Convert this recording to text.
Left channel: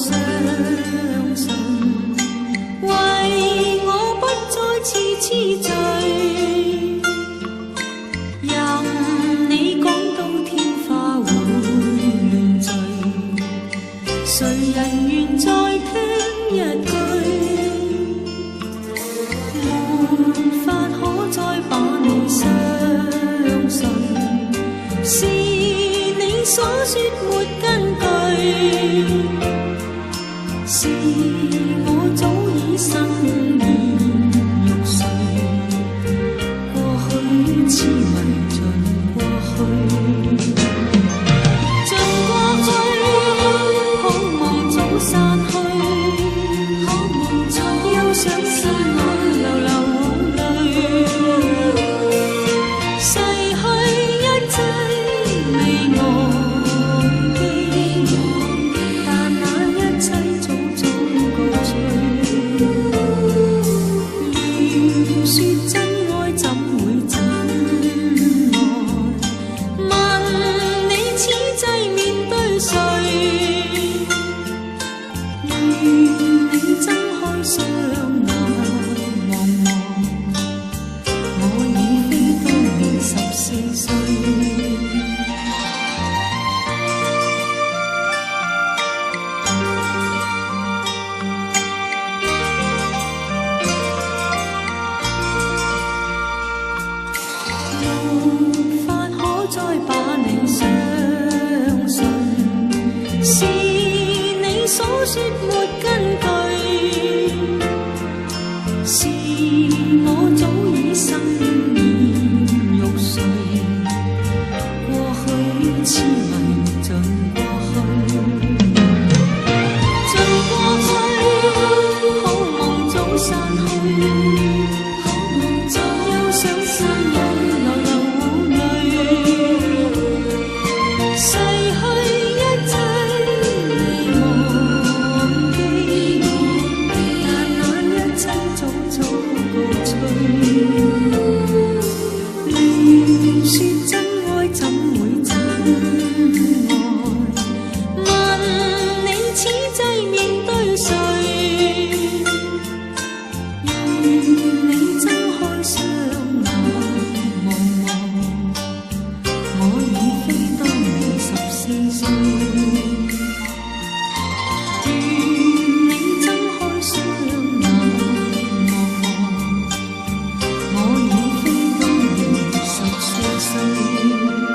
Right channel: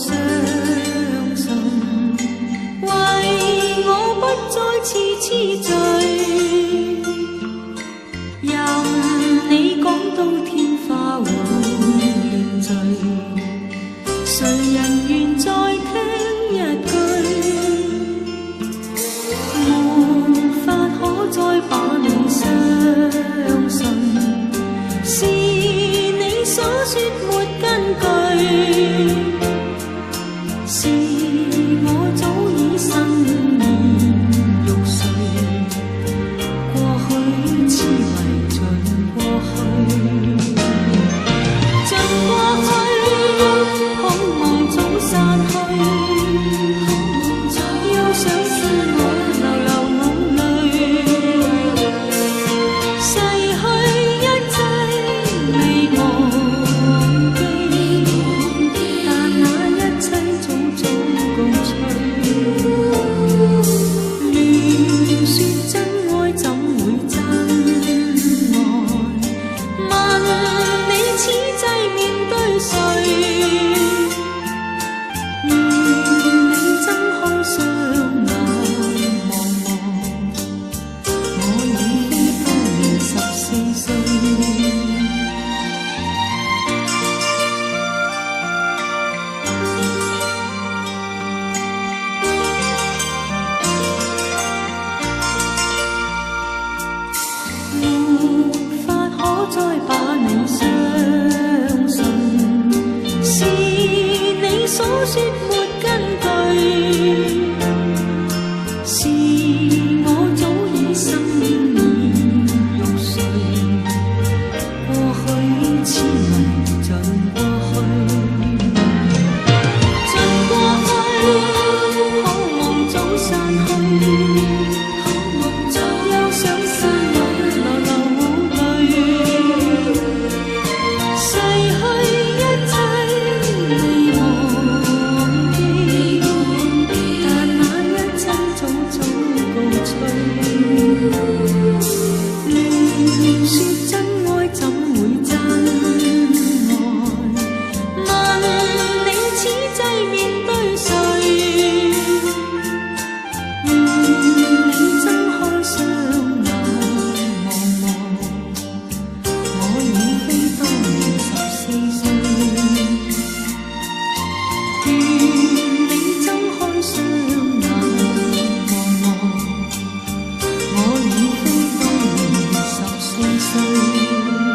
相信，為我不再次痴醉，任你講到天花會亂墜，誰人願再聽一句，沒法可再把你相信，是你所說沒根據，是我早已生厭欲睡，過去痴迷盡過去，盡過去，好夢早散去，又想天我流流眼淚，逝去一切未忘記，但那一切早早告吹，亂說真愛怎會真愛，問你此際面對誰，願你睜開雙眼望望，我已非當年14歲。再把你相信，是你所說沒根據，是我早已生厭欲睡，過去痴迷盡過去，盡過去，好夢早散去，又想天我流流逝去一切未忘記，但那一切早早告吹，亂說真愛怎會真愛，問你此際面對誰，願你睜開雙眼望望，我已非當年14歲，願你睜開雙眼望望，我已非當年14歲。